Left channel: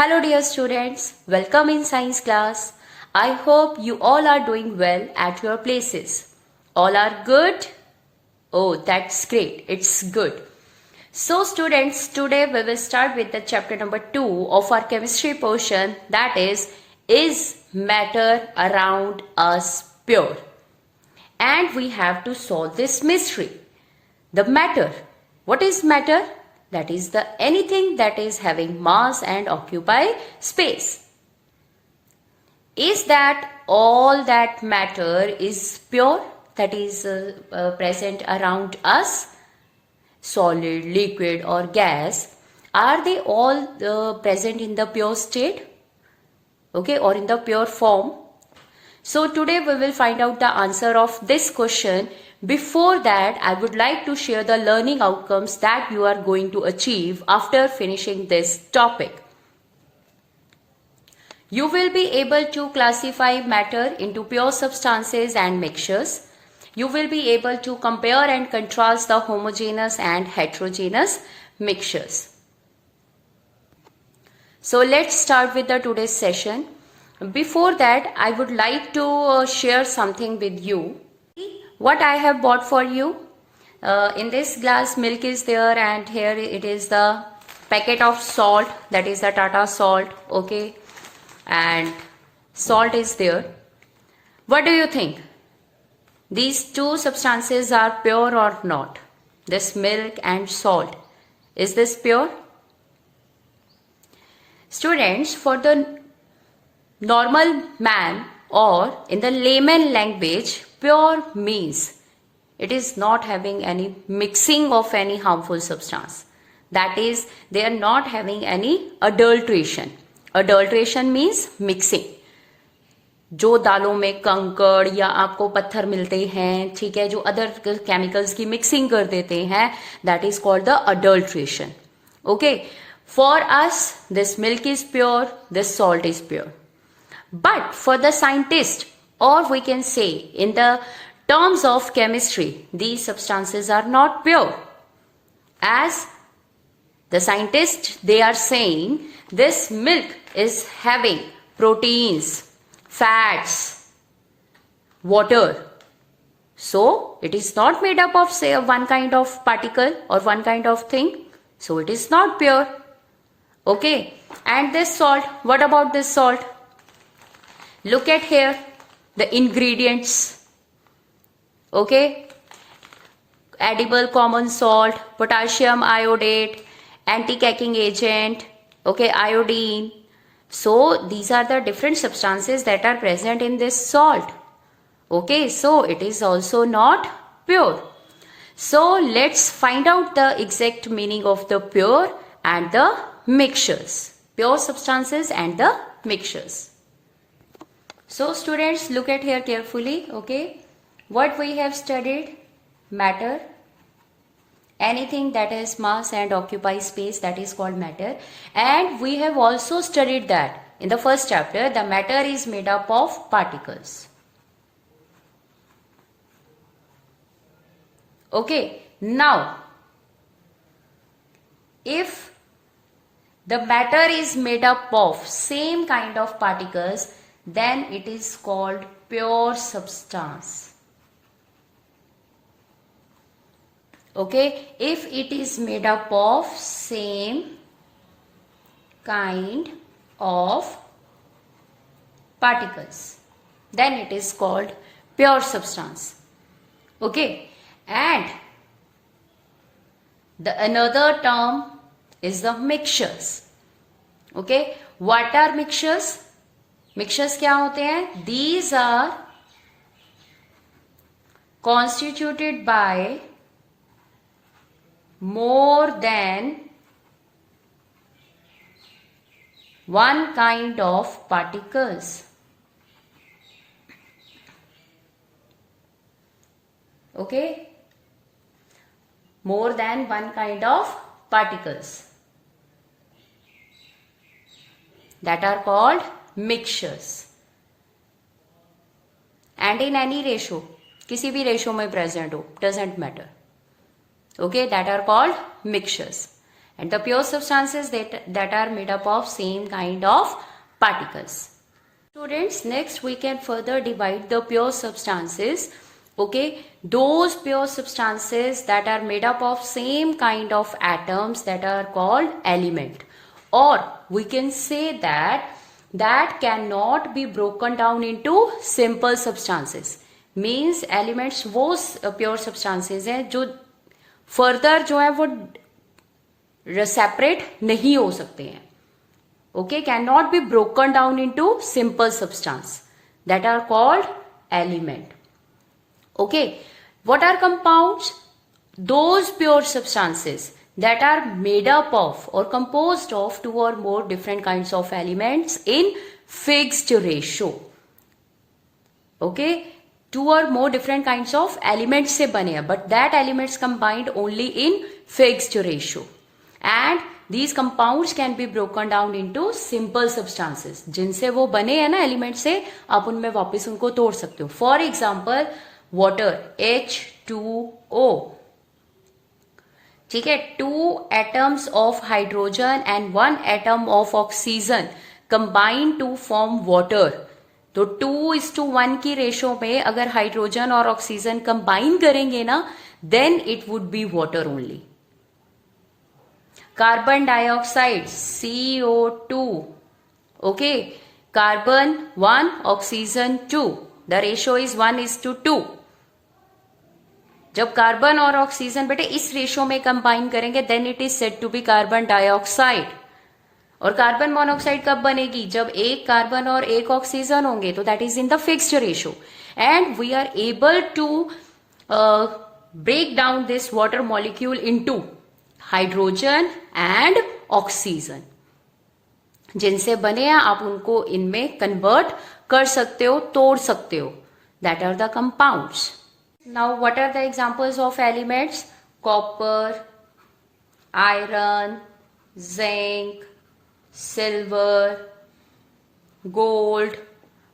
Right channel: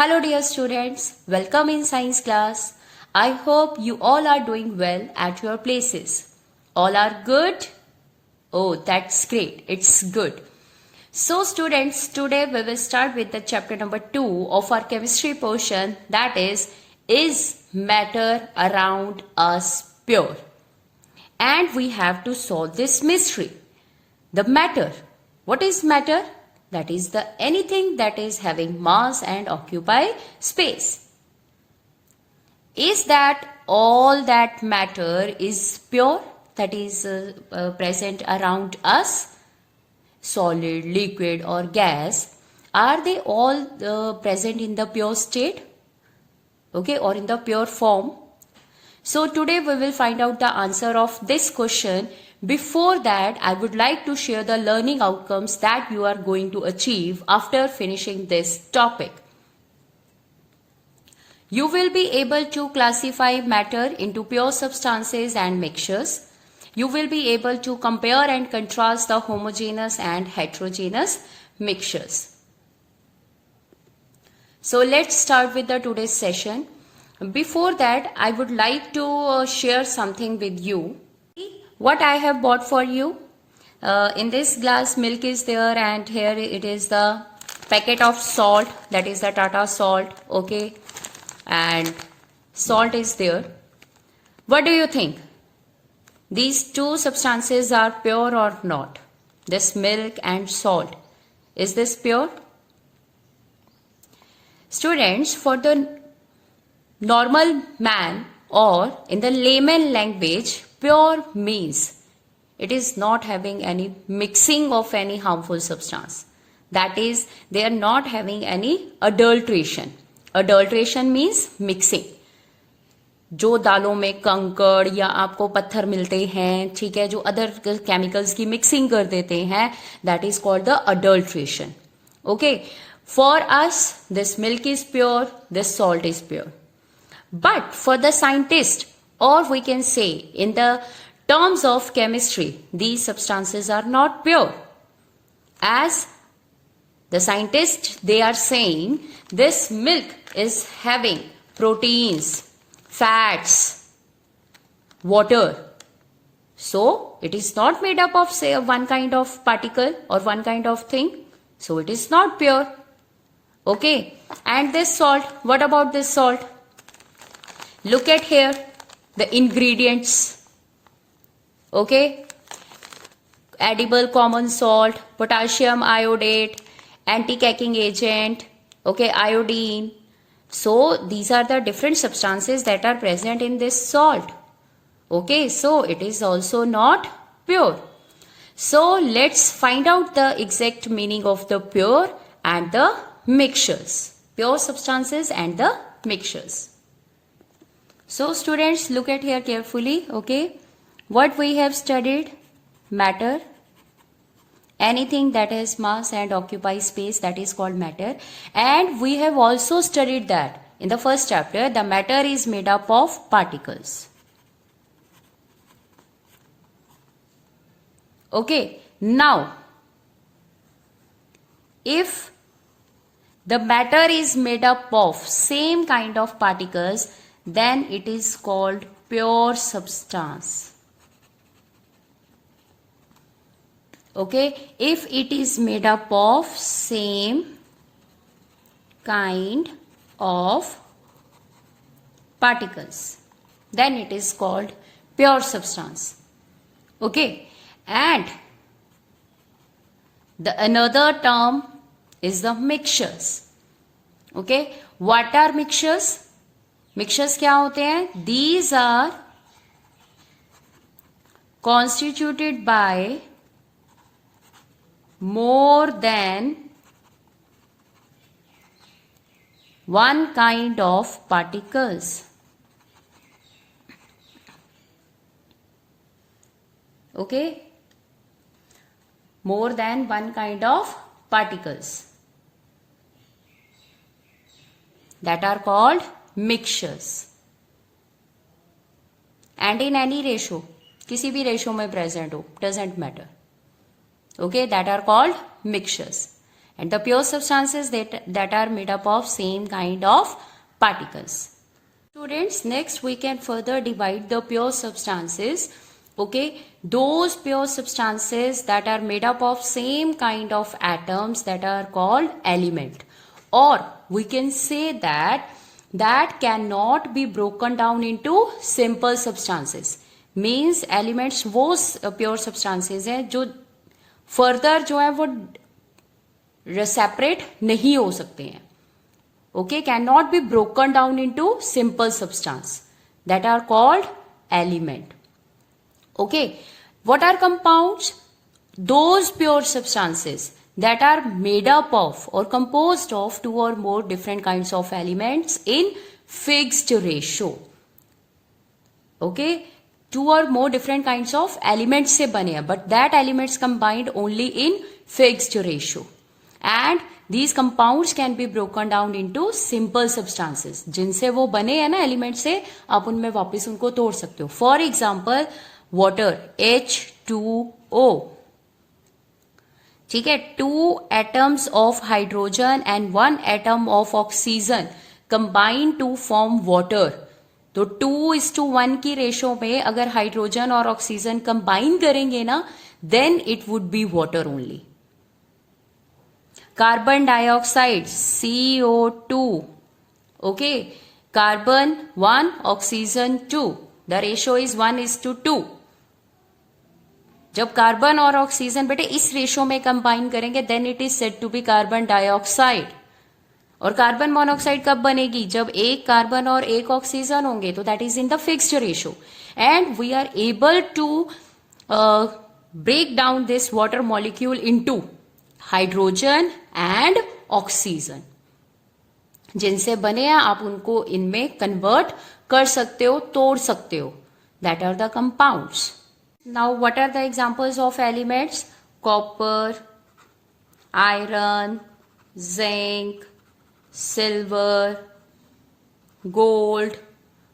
Hello dear students, welcome in science class. I hope you all are doing well at your places. All are good? Oh, that's great. It's good. So students, today we will start with the chapter number 2 of our chemistry portion, that is matter around us pure? And we have to solve this mystery. The matter. What is matter? That is the anything that is having mass and occupy space. Is that all that matter is pure, that is present around us? Solid, liquid or gas, are they all present in the pure state? Okay, or in the pure form? So today we will find out the answer of this question. Before that, I would like to share the learning outcomes that you are going to achieve after finishing this topic. You will be able to classify matter into pure substances and mixtures. You will be able to compare and contrast the homogeneous and heterogeneous mixtures. So let's start with the today's session. Before that, I would like to share something with you. What I have bought for you. In this glass, milk is there, and here it is the packet of salt, that is the Tata salt, okay, and salt is there. What do you think? These two substances are pure or not? This milk and salt. Is this pure? Students, for the normal man, or in the layman language, pure means it is not having any mixing of any harmful substance. That is, they are not having any adulteration. Adulteration means mixing. जो दालों में कंकड़ या आपको पत्थर मिलते हैं, ठीक है, जो अदर केमिकल्स की मिक्सिंग कर देते हैं, that is called the adulteration. Okay, for us this milk is pure, this salt is pure. But for the scientist, or we can say in the terms of chemistry, these substances are not pure. As the scientists, they are saying this milk is having proteins, fats, water. So it is not made up of say one kind of particle or one kind of thing. So it is not pure. Okay. And this salt, what about this salt? Look at here, the ingredients, okay, edible common salt, potassium iodate, anti-caking agent, okay, iodine. So these are the different substances that are present in this salt. Okay, so it is also not pure. So let's find out the exact meaning of the pure and the mixtures. Pure substances and the mixtures. So students, look at here carefully, okay. What we have studied? Matter. Anything that has mass and occupies space, that is called matter. And we have also studied that in the first chapter, the matter is made up of particles. Okay, now, if the matter is made up of same kind of particles, then it is called pure substance. Okay, if it is made up of same kind of particles, then it is called pure substance. Okay, and the another term is the mixtures. Okay, what are mixtures? Mixtures क्या होते हैं? These are constituted by more than one kind of particles. Okay? More than one kind of particles. That are called mixtures. And in any ratio, किसी भी ratio में present हो, doesn't matter. Okay, that are called mixtures. and the pure substances that are made up of same kind of particles. Students, next we can further divide the pure substances. Okay, those pure substances that are made up of same kind of atoms that are called element, or we can say that cannot be broken down into simple substances. Means elements वो pure substances हैं जो further जो है वो separate नहीं हो सकते हैं. Okay, cannot be broken down into simple substance that are called element. Okay, what are compounds? Those pure substances that are made up of or composed of two or more different kinds of elements in fixed ratio. Okay, two or more different kinds of elements से बने हैं, but that elements combined only in fixed ratio. And these compounds can be broken down into simple substances. जिनसे वो बने हैं ना element से, आप उनमें वापस उनको तोड़ सकते हो. For example water H2O. ठीक है, 2 atoms of hydrogen and 1 atom of oxygen combine to form water. तो 2:1 की रेशो में अगर हाइड्रोजन और ऑक्सीजन कंबाइन करेंगे ना, then it would be water only. Carbon dioxide CO2. Okay, carbon 1, oxygen 2. The ratio is 1:2. जब कार्बन और oxygen बेटे इस रेशो में कंबाइन करेंगे then it is said to be carbon dioxide. और कार्बन मोनोऑक्साइड कब बनेगी? जब एक कार्बन और एक ऑक्सीजन होंगे, तो that is in the fixed ratio. And we are able to break down this water molecule into hydrogen and oxygen. जिनसे बने हैं आप उनको इनमें कन्वर्ट कर सकते हो, तोड़ सकते हो. That are the compounds. Now what are the examples of elements? Copper, iron, zinc, silver, gold.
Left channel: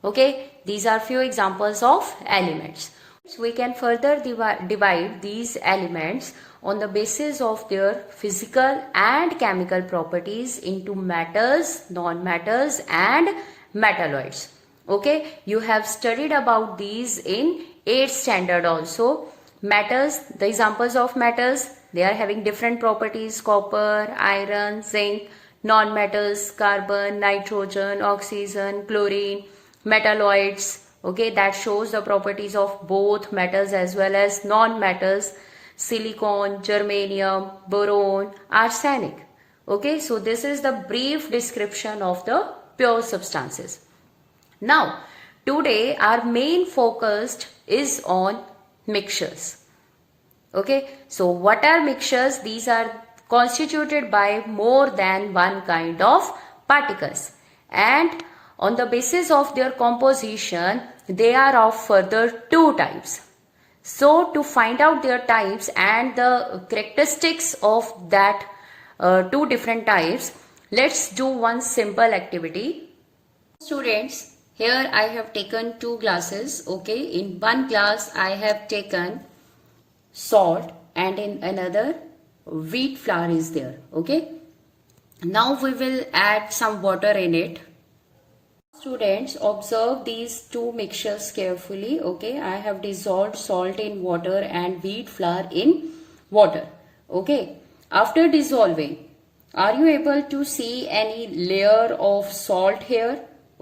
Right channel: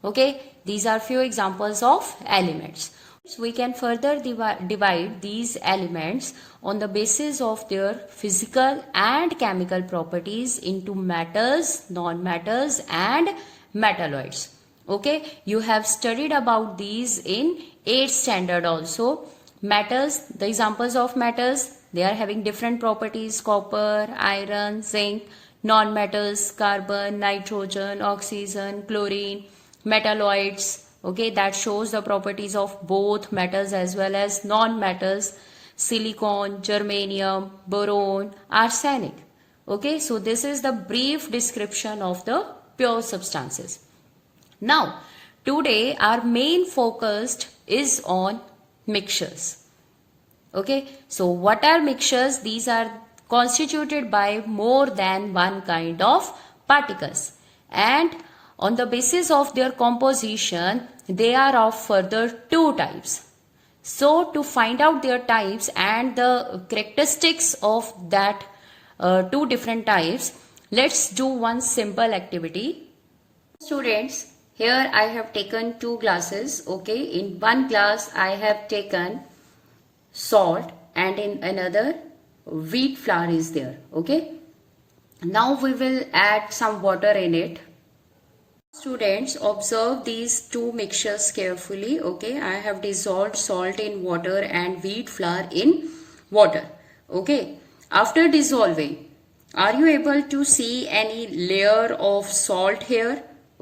Okay, these are few examples of elements. So we can further divide these elements on the basis of their physical and chemical properties into matters, non-matters and metalloids. Okay, you have studied about these in 8th standard also. Matters, the examples of matters, they are having different properties: copper, iron, zinc. Non-metals, carbon, nitrogen, oxygen, chlorine. Metalloids, okay, that shows the properties of both metals as well as non-metals: silicon, germanium, boron, arsenic. Okay, so this is the brief description of the pure substances. Now, today our main focus is on mixtures. Okay, so what are mixtures? These are constituted by more than one kind of particles, and on the basis of their composition they are of further 2 types. So to find out their types and the characteristics of that 2 different types, let's do one simple activity. Students, here I have taken 2 glasses. Okay, in one glass I have taken salt and in another wheat flour is there. Okay, now we will add some water in it. Students, observe these 2 mixtures carefully. Okay, I have dissolved salt in water and wheat flour in water. Okay, after dissolving, are you able to see any layer of salt here?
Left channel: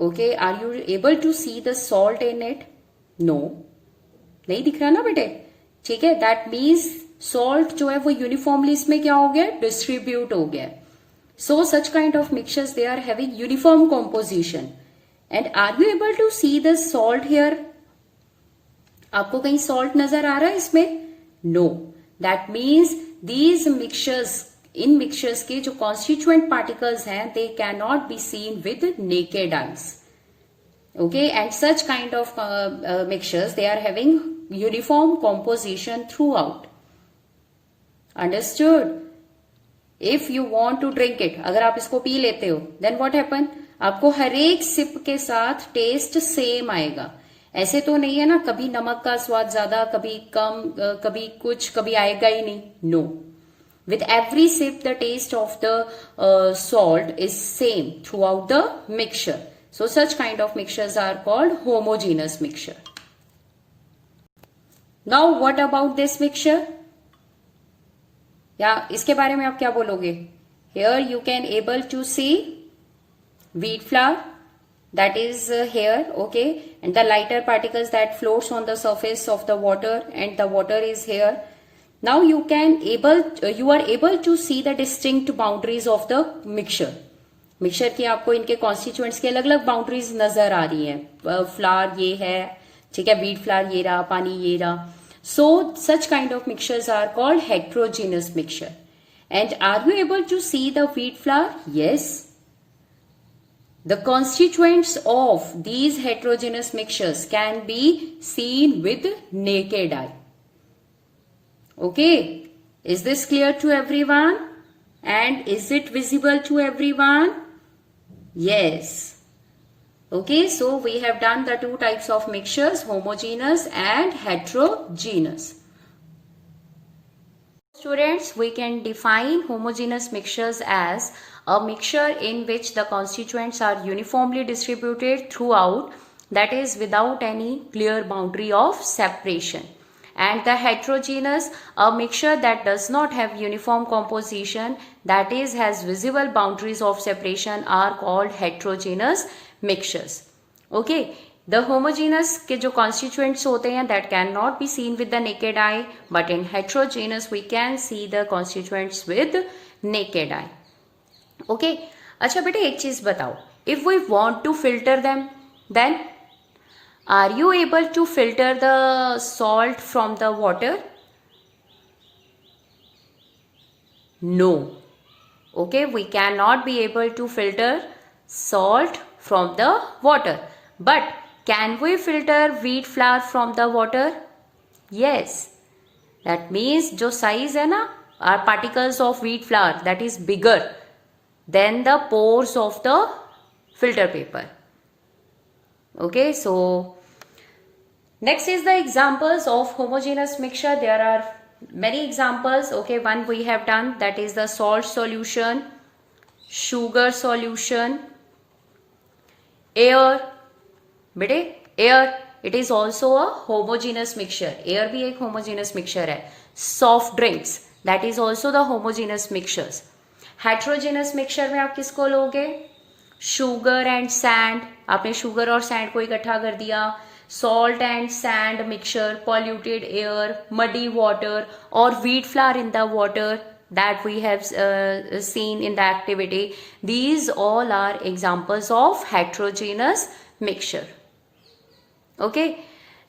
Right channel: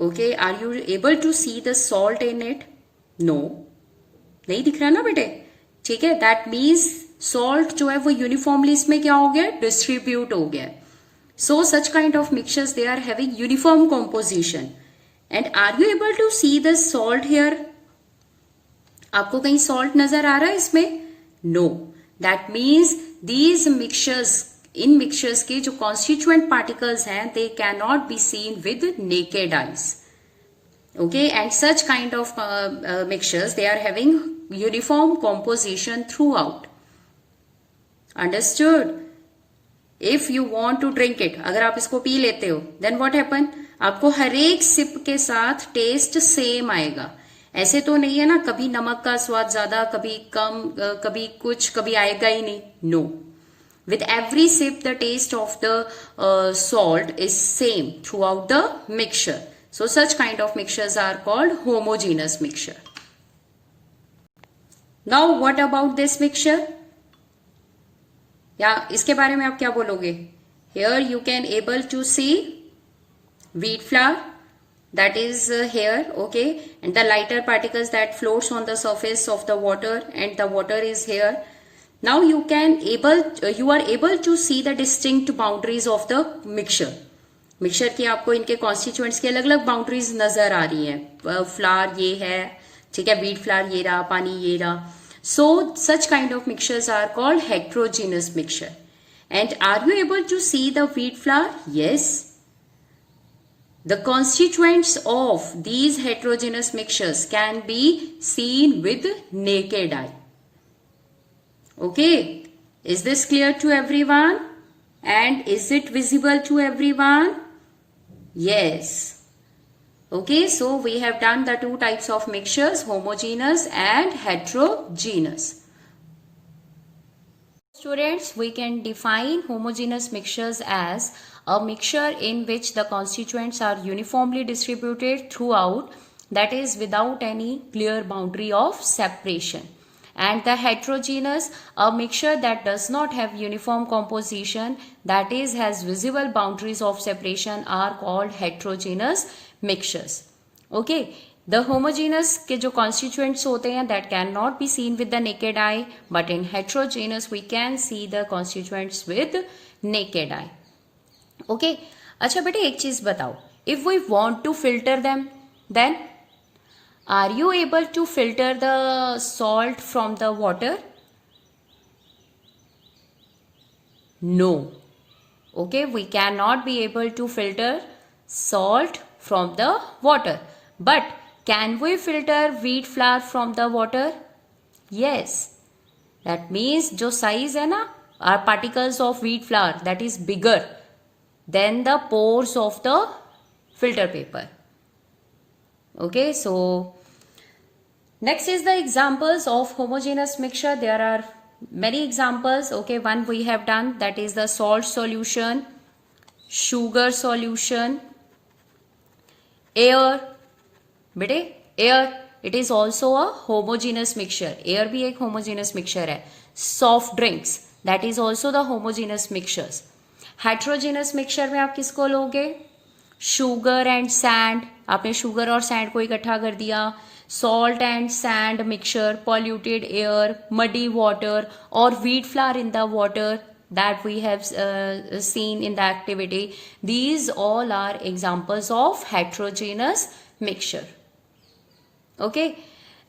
Okay, are you able to see the salt in it? No, नहीं दिख रहा ना बेटे. ठीक है, that means salt जो है वो यूनिफॉर्मली इसमें क्या हो गया? डिस्ट्रीब्यूट हो गया. So such kind of mixtures they are having uniform composition. And are you able to see the salt here? आपको कहीं सॉल्ट नजर आ रहा है इसमें? No. That means these mixtures, इन मिक्सचर्स के जो कॉन्स्टिट्यूएंट पार्टिकल्स हैं they can not be seen with naked eyes. Okay, and such kind of mixtures, they are having uniform composition throughout. Understood? If you want to drink it, अगर आप इसको P लेते हो, then what happen? आपको हर एक SIP के साथ test same आएगा. ऐसे तो नहीं है ना, कभी नमक का स्वाद ज्यादा, कभी कम, कभी कुछ, कभी आएगा ही नहीं. No, With every sip, the taste of the salt is same throughout the mixture. So such kind of mixtures are called homogeneous mixture. Now what about this mixture? या इसके बारे में आप क्या बोलोगे? Here you can able to see wheat flour that is here, okay, and the lighter particles that floats on the surface of the water, and the water is here. Now you are able to see the distinct boundaries of the mixture. Mixture की आपको इनके constituents की अलग अलग boundaries नजर आ रही हैं. Flower ये है, ठीक है, व्हीट फ्लावर ये रहा, पानी ये रहा. So such kind of mixtures are called heterogeneous mixture. And are you able to see the wheat flour? Yes. The constituents of these heterogeneous mixtures can be seen with naked eye. Okay. Is this clear to everyone? And is it visible to everyone? Yes. Okay, so we have done the two types of mixtures, homogeneous and heterogeneous. Students, we can define homogeneous mixtures as a mixture in which the constituents are uniformly distributed throughout, that is without any clear boundary of separation. And the heterogeneous, a mixture that does not have uniform composition, that is has visible boundaries of separation, are called heterogeneous mixtures. Okay, the homogeneous के जो constituents होते हैं that cannot be seen with the naked eye, but in heterogeneous we can see the constituents with naked eye. Okay, अच्छा बेटे एक चीज बताओ, if we want to filter them, then are you able to filter the salt from the water? No. Okay, we cannot be able to filter salt from the water. But can we filter wheat flour from the water? Yes. That means जो size है ना, are particles of wheat flour that is bigger than the pores of the filter paper. Okay, so next is the examples of homogeneous mixture. There are many examples. Okay, one we have done, that is the salt solution, sugar solution, air. बेटे air, it is also a homogeneous mixture. Air भी एक homogeneous mixture है. Soft drinks, that is also the homogeneous mixtures. Heterogeneous mixture में आप किसको लोगे? Sugar and sand, आपने sugar और सैंड को इकट्ठा कर दिया. Salt and sand mixture, polluted air, muddy water, और wheat flour in the water that we have seen in the activity. These all are examples of heterogeneous mixture. Okay,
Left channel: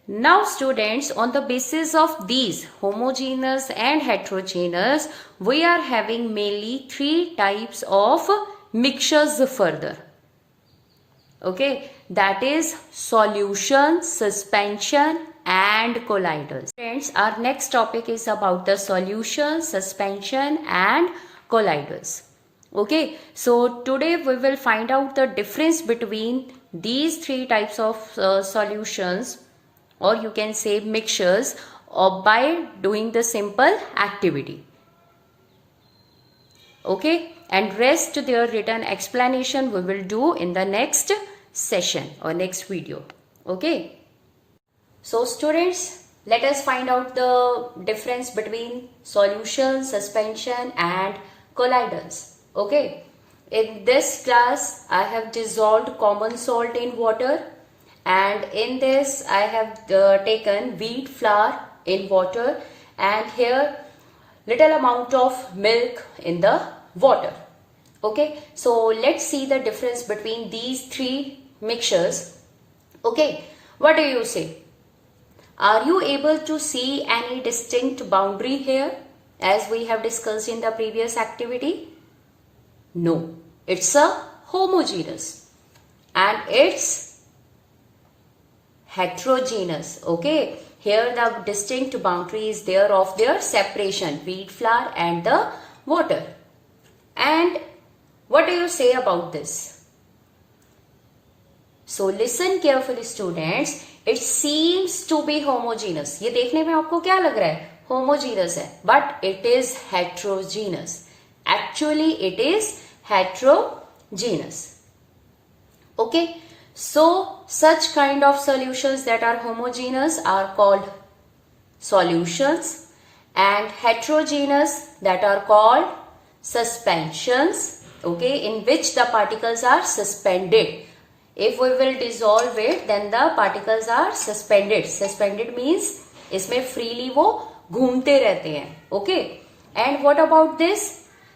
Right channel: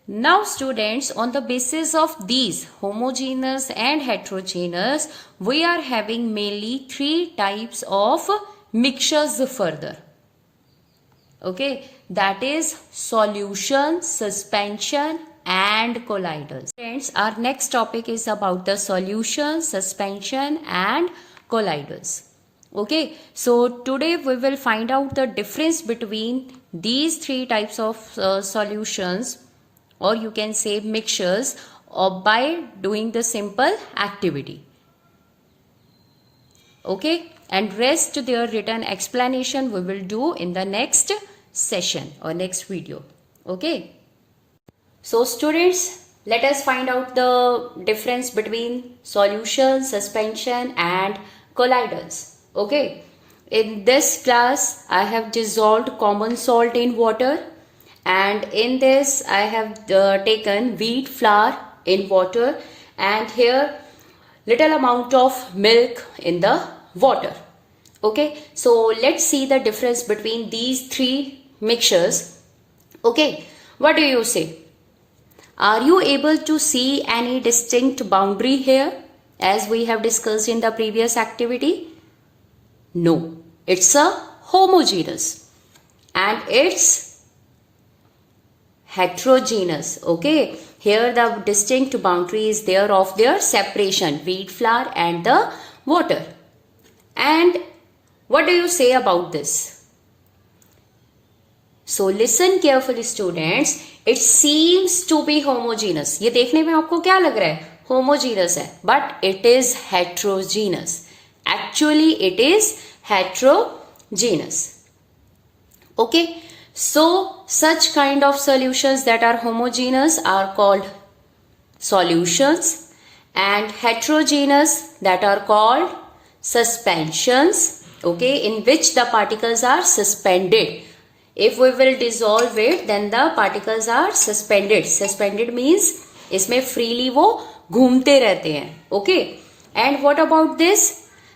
now students, on the basis of these homogeneous and heterogeneous, we are having mainly three types of mixtures further. Okay, that is solution, suspension and colloidals. Friends, our next topic is about the solution, suspension and colloidals. Okay, so today we will find out the difference between these three types of solutions, or you can say mixtures, by doing the simple activity. Okay, and rest their written explanation we will do in the next session or next video. Okay, so students, let us find out the difference between solution, suspension and colloidals. Okay, in this class I have dissolved common salt in water, and in this I have taken wheat flour in water, and here little amount of milk in the water. Okay, so let's see the difference between these three mixtures. Okay, what do you say? Are you able to see any distinct boundary here as we have discussed in the previous activity? No, it's a homogeneous and it's heterogeneous. Okay, here the distinct boundary is there of their separation, wheat flour and the water. And what do you say about this? So listen carefully students, it seems to be homogeneous. ये देखने में आपको क्या लग रहा है? Homogeneous है, but it is heterogeneous. Actually it is heterogeneous. Okay, so such kind of solutions that are homogeneous are called solutions, and heterogeneous that are called suspensions. Okay, in which the particles are suspended. If we will dissolve it, then the particles are suspended. Suspended means इसमें freely वो घूमते रहते हैं. Okay, and what about this?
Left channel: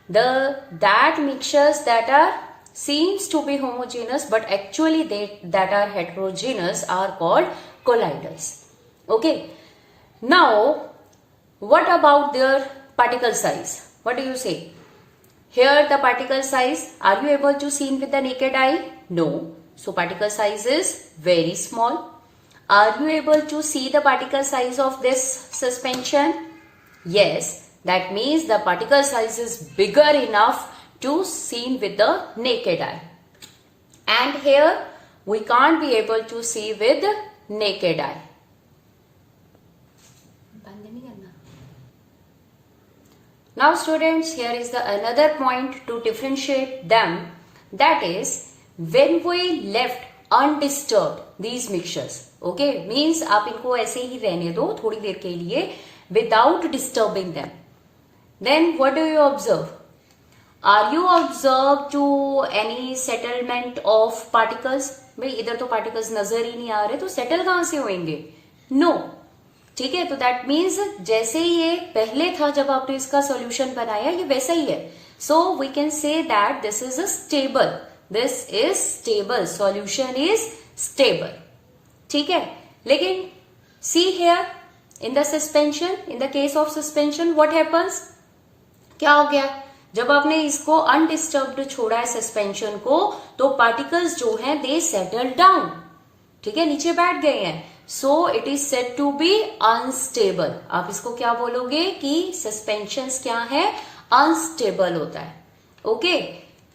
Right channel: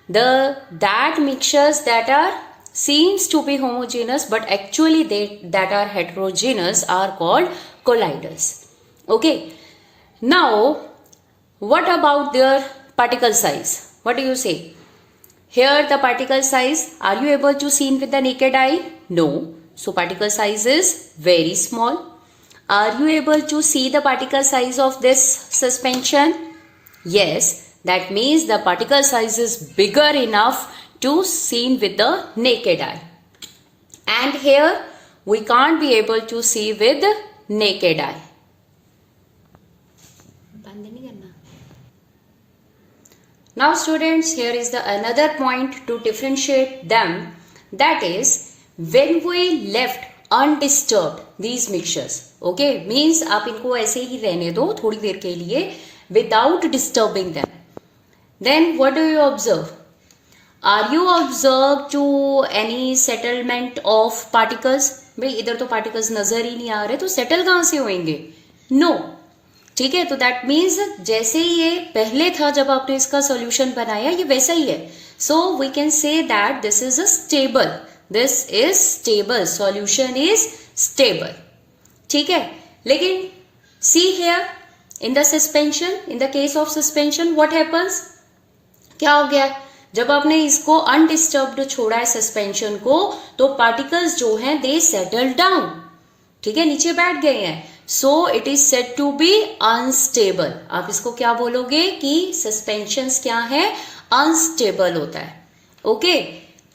That mixtures that are seems to be homogeneous but actually that are heterogeneous are called colliders. Okay, now what about their particle size? What do you say? Here the particle size, are you able to see with the naked eye? No. So particle size is very small. Are you able to see the particle size of this suspension? Yes. That means the particle size is bigger enough to see with the naked eye. And here we can't be able to see with naked eye. Now students, here is the another point to differentiate them. That is, when we left undisturbed these mixtures. Okay, means आप इनको ऐसे ही रहने दो थोड़ी देर के लिए without disturbing them. Then what do you observe? Are you observed to any settlement of particles? भाई इधर तो particles नजर ही नहीं आ रहे, तो settle कहाँ से होंगे? No. ठीक है, तो that means जैसे ये पहले था जब आपने इसका solution बनाया, ये वैसा ही है. So we can say that this is a stable. This is stable. Solution is stable. ठीक है, लेकिन see here in the suspension, in the case of suspension, what happens? क्या हो गया? जब आपने इसको अनडिस्टर्ब्ड छोड़ा है सस्पेंशन को, तो पार्टिकल्स जो हैं दे सेटल डाउन. ठीक है, नीचे बैठ गए हैं. So it is said to be unstable. आप इसको क्या बोलोगे कि सस्पेंशंस क्या है? अनस्टेबल होता है. Okay,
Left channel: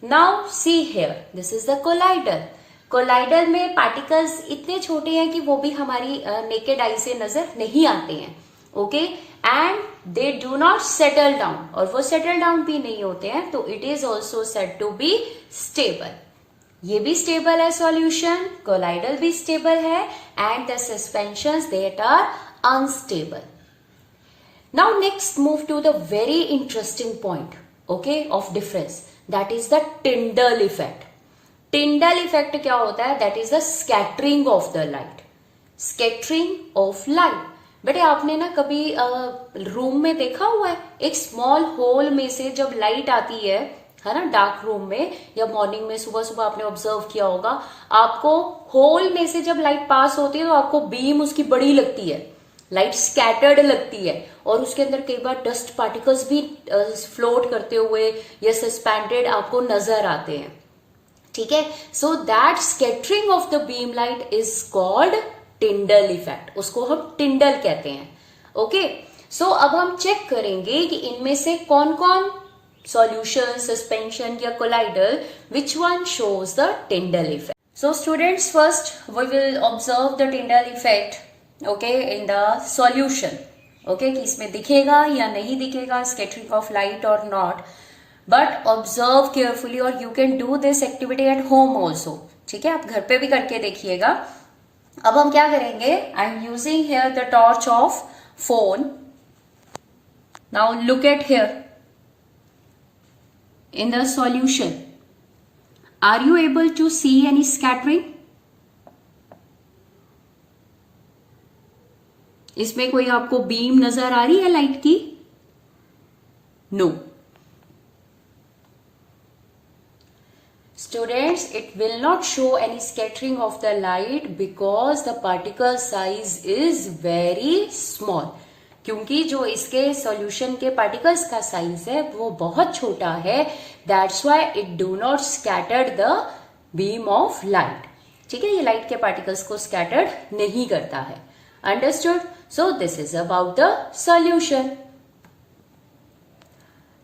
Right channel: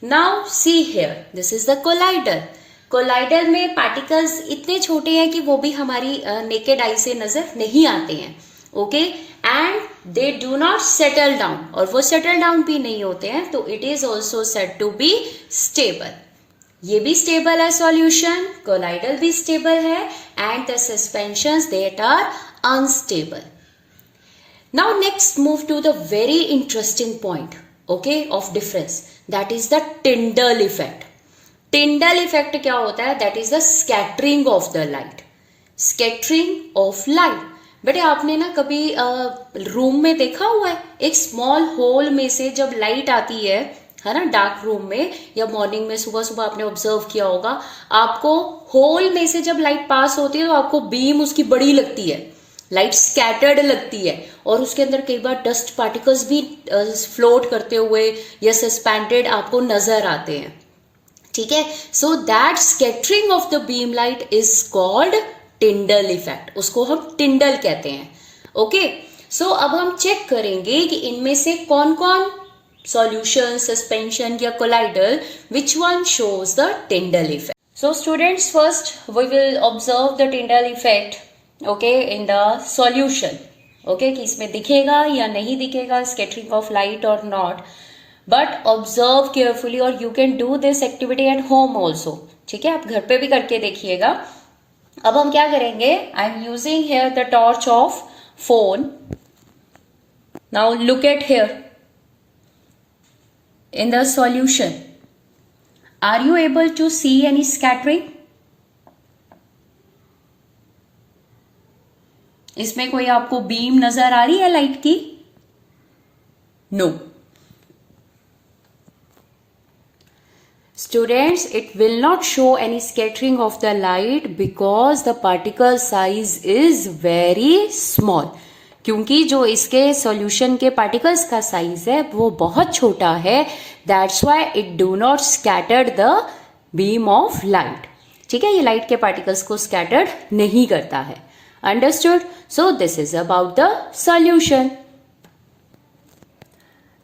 now see here, this is the collider. Collider में पार्टिकल्स इतने छोटे हैं कि वो भी हमारी नेकेड आई से नजर नहीं आते हैं. Okay, and they do not settle down, और वो सेटल डाउन भी नहीं होते हैं, तो it is also said to be stable. ये भी स्टेबल है सॉल्यूशन, कोलाइडल भी स्टेबल है, and the suspensions that are unstable. Now next move to the very interesting point, okay, of difference, that is the Tyndall effect. Tyndall effect क्या होता है? That is the scattering of the light. Scattering of light. बेटे आपने ना कभी room में देखा हुआ है, एक स्मॉल होल में से जब लाइट आती है ना, डार्क रूम में, या मॉर्निंग में सुबह सुबह आपने ऑब्जर्व किया होगा, आपको होल में से जब लाइट पास होती है तो आपको बीम उसकी बड़ी लगती है, लाइट स्कैटर्ड लगती है, और उसके अंदर कई बार डस्ट पार्टिकल्स भी फ्लोट करते हुए या सस्पेंडेड आपको नजर आते हैं. ठीक है, so that scattering of the beam light is called Tyndall effect. उसको हम टिंडल कहते हैं. ओके, सो अब हम चेक करेंगे कि इनमें से कौन कौन सॉल्यूशन, सस्पेंशन या colloidal, which one shows the Tyndall effect. So students, first we will observe the Tyndall effect, okay, in the solution. Okay, कि इसमें दिखेगा या नहीं दिखेगा स्कैटरिंग ऑफ लाइट और नॉट, बट ऑब्जर्व केयरफुली, और you can do this activity at home also. ठीक है, आप घर पे भी करके देखिएगा. अब हम क्या करेंगे? I am using here the torch of phone. Now look at here in the solution. Are you able to see any scattering? इसमें कोई आपको बीम नजर आ रही है लाइट की? No. Students, it will not show any scattering of the light because the particle size is very small. क्योंकि जो इसके सॉल्यूशन के पार्टिकल्स का साइज है वो बहुत छोटा है. That's why it do not scattered the beam of light. ठीक है, ये लाइट के पार्टिकल्स को स्कैटर्ड नहीं करता है. Understood? So this is about the solution.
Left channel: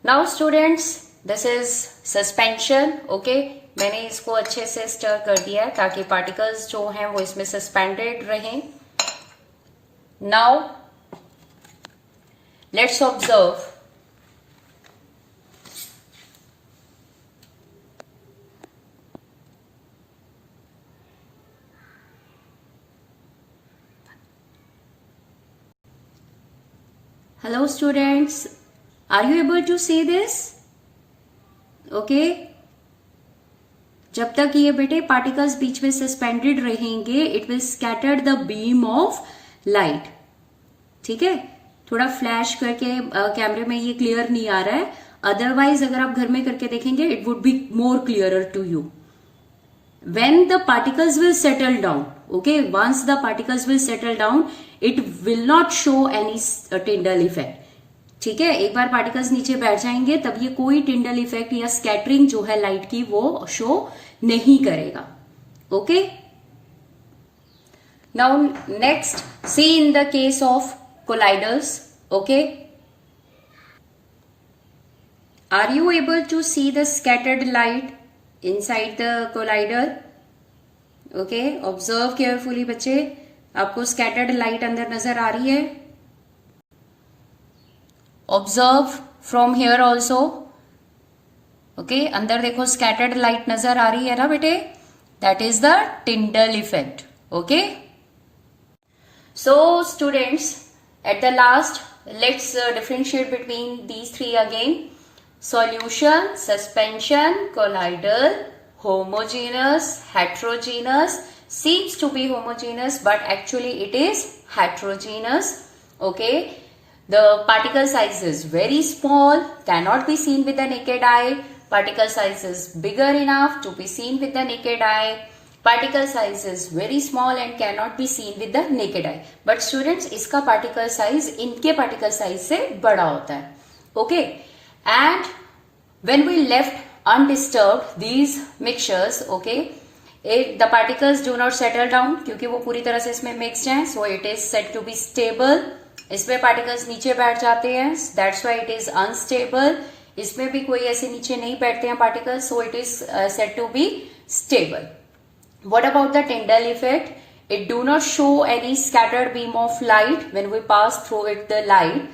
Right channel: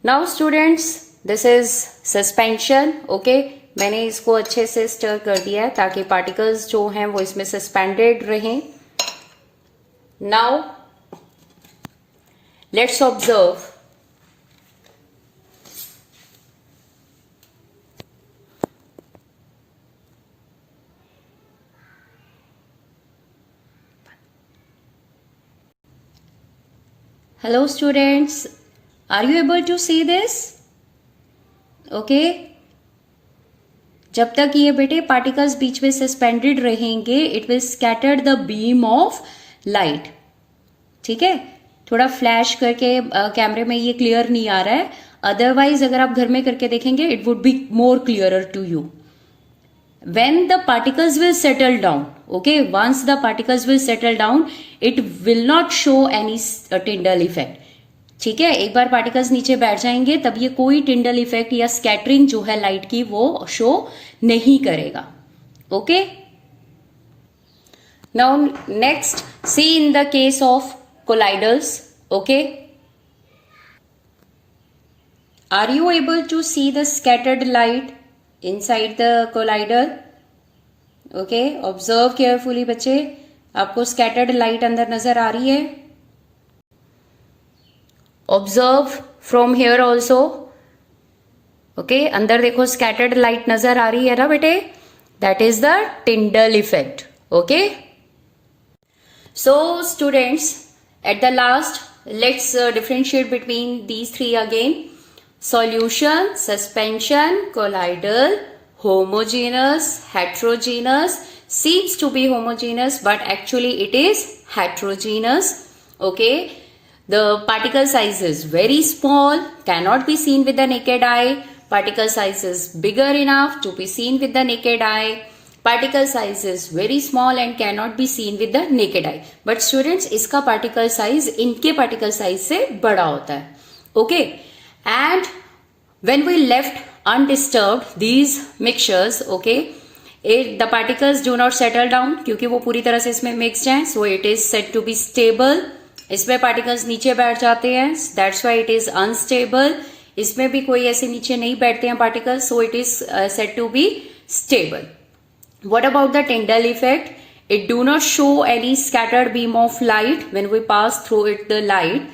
Now students, this is suspension. Okay, मैंने इसको अच्छे से स्टर कर दिया है ताकि पार्टिकल्स जो हैं वो इसमें सस्पेंडेड रहें. Now Let's observe. Hello students, are you able to see this? Okay. जब तक ये बेटे पार्टिकल्स बीच में सस्पेंडेड रहेंगे it will scatter the beam of light. ठीक है, थोड़ा फ्लैश करके कैमरे में ये क्लियर नहीं आ रहा है, अदरवाइज अगर आप घर में करके देखेंगे it would be more clearer to you. When the particles will settle down, okay, once the particles will settle down, it will not show any Tyndall effect. ठीक है, एक बार पार्टिकल्स नीचे बैठ जाएंगे तब ये कोई टिंडल इफेक्ट या स्कैटरिंग जो है लाइट की वो शो नहीं करेगा. Okay, now next see in the case of colloidals. Okay, are you able to see the scattered light inside the collider? Okay, observe carefully बच्चे, आपको scattered light अंदर नजर आ रही है? Observe from here also. Okay, अंदर देखो scattered light नजर आ रही है ना बेटे? That is the Tyndall effect. Okay. So students, at the last, let's differentiate between these three again. Solution, suspension, colloidal, homogeneous, heterogeneous. Seems to be homogeneous but actually it is heterogeneous. Okay, the particle size is very small, cannot be seen with the naked eye. Particle size is bigger enough to be seen with the naked eye. Particle size is very small and cannot be seen with the naked eye. But students, इसका particle size इनके particle size से बड़ा होता है. Okay. And when we left undisturbed these mixtures, okay, the particles do not settle down क्योंकि वो पूरी तरह से इसमें mixed हैं, so it is said to be stable. इसमें particles नीचे बैठ जाते हैं, that's why it is unstable. इसमें भी कोई ऐसे नीचे नहीं बैठते हैं particles, so it is said to be stable. What about the Tyndall effect? It do not show any scattered beam of light when we pass through it the light.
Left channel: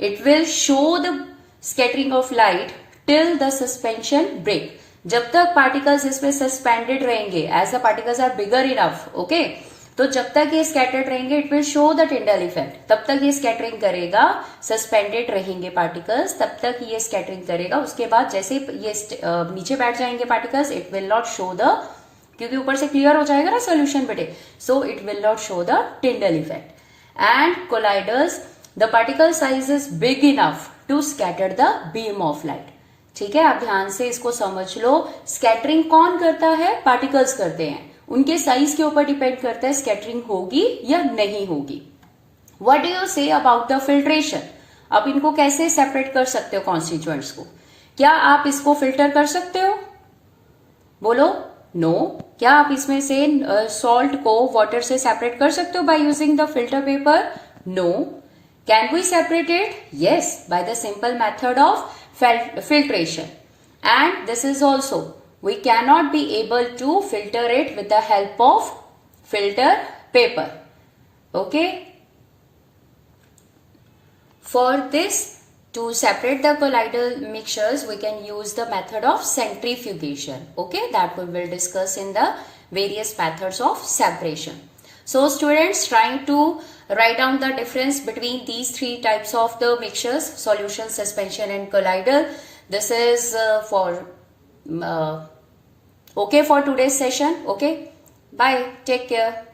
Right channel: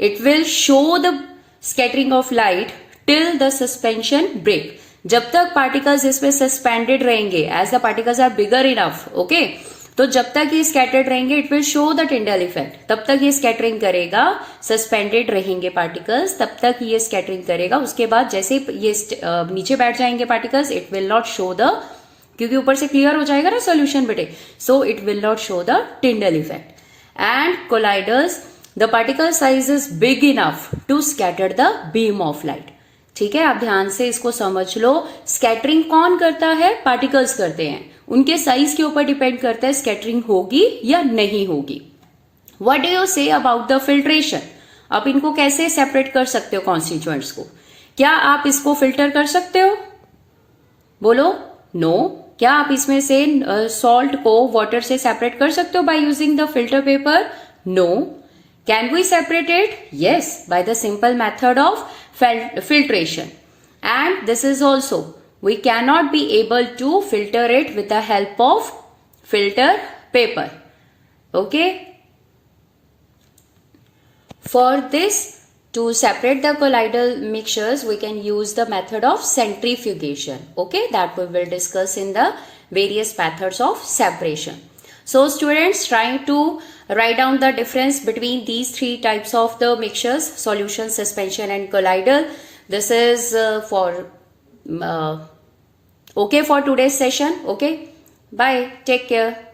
It will show the scattering of light till the suspension break. जब तक particles इसमें suspended रहेंगे, as the particles are bigger enough, okay, तो जब तक ये scattered रहेंगे it will show the Tyndall effect. तब तक ये scattering करेगा, suspended रहेंगे particles, तब तक ये scattering करेगा. उसके बाद जैसे ये नीचे बैठ जाएंगे particles, it will not show the, क्योंकि ऊपर से क्लियर हो जाएगा ना सोल्यूशन बेटे, so it will not show the Tyndall effect. And colloidals, the particle size is big enough to scatter the beam of light. ठीक है, आप ध्यान से इसको समझ लो. स्कैटरिंग कौन करता है? पार्टिकल्स करते हैं. उनके साइज के ऊपर डिपेंड करता है स्कैटरिंग होगी या नहीं होगी. What do you say about the filtration? आप इनको कैसे सेपरेट कर सकते हो कॉन्स्टिट्यूएंट्स को? क्या आप इसको फिल्टर कर सकते हो? बोलो नो. क्या आप इसमें से सॉल्ट को वाटर से सेपरेट कर सकते हो by using the filter paper? No. Can we separate it? Yes, by the simple method of filtration. And this is also, we cannot be able to filter it with the help of filter paper. Okay. For this, to separate the colloidal mixtures, we can use the method of centrifugation. Okay, that we will discuss in the various methods of separation. So students, trying to write down the difference between these three types of the mixtures, solution, suspension and colloidal. This is okay for today's session. Okay, bye, take care.